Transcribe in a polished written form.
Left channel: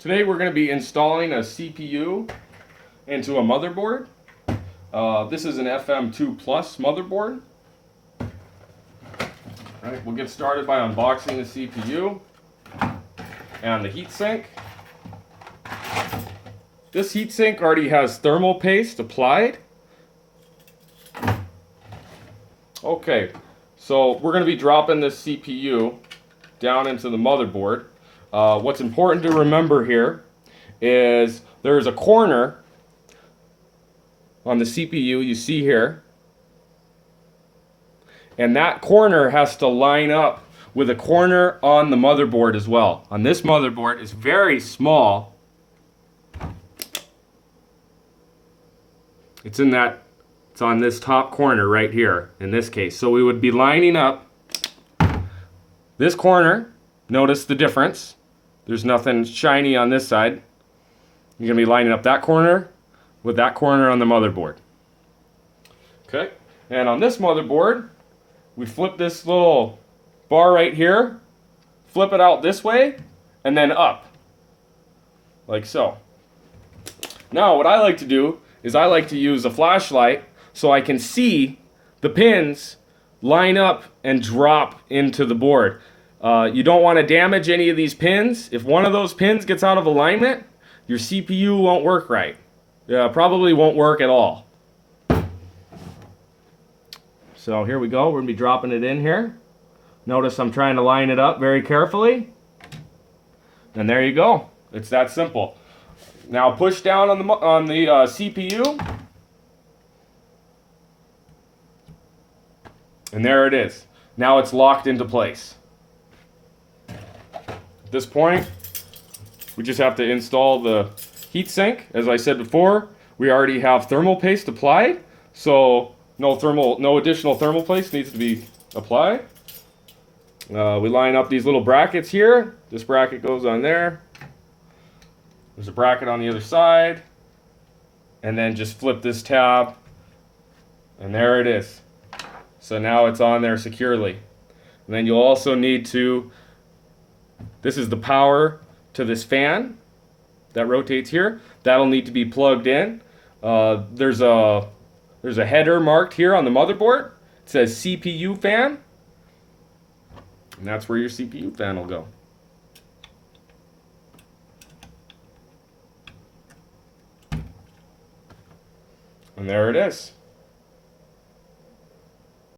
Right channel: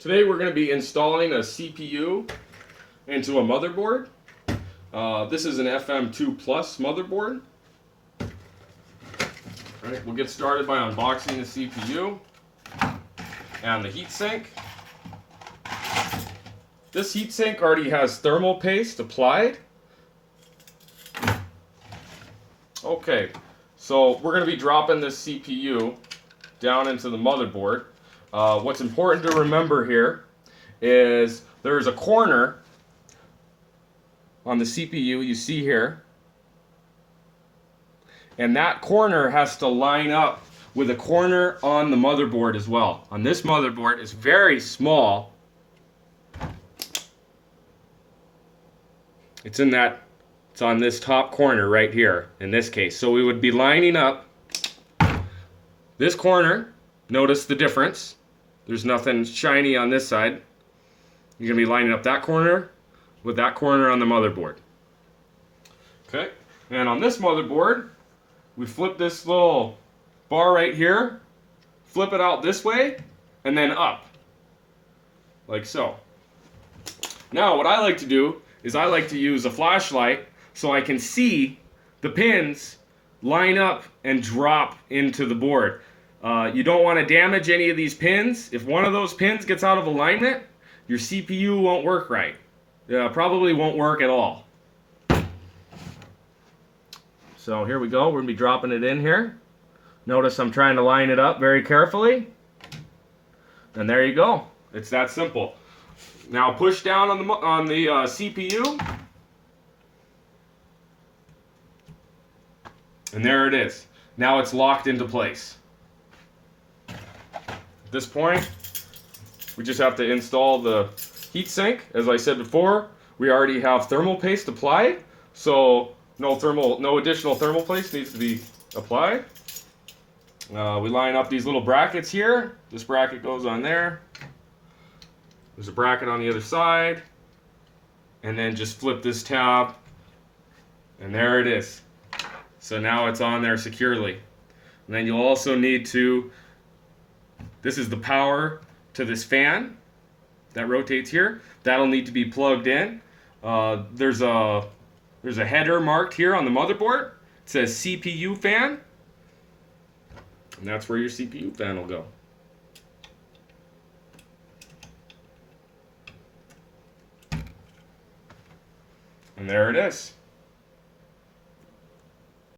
Today we're going to be installing a CPU into a motherboard. This is an FM2 Plus motherboard. All right, we'll get started by unboxing the CPU and the heatsink. This heatsink already has thermal paste applied. Okay, so we're going to be dropping this CPU down into the motherboard. What's important to remember here is there's a corner on the CPU you see here, and that corner has to line up with a corner on the motherboard as well. On this motherboard is very small. It's on this top corner right here in this case. So we would be lining up this corner. Notice the difference. There's nothing shiny on this side. You're going to be lining up that corner with that corner on the motherboard. Okay, and on this motherboard, we flip this little bar right here, flip it out this way, and then up, like so. Now, what I like to do is I like to use a flashlight so I can see the pins line up and drop into the board. You don't want to damage any of these pins. If one of those pins gets out of alignment, your CPU won't work right. Probably won't work at all. So here we go. We're going to be dropping it in here. Notice I'm trying to line it up very carefully. And there you go. It's that simple. Now push down on the CPU. And there it is. Now it's locked into place. At this point, we just have to install the heatsink. As I said before, we already have thermal paste applied, so no additional thermal paste needs to be applied. We line up these little brackets here. This bracket goes on there. There's a bracket on the other side, and then just flip this tab, and there it is. So now it's on there securely. And then you'll also need to, this is the power to this fan that rotates here. That'll need to be plugged in. There's a header marked here on the motherboard. It says CPU fan. And that's where your CPU fan will go. And there it is.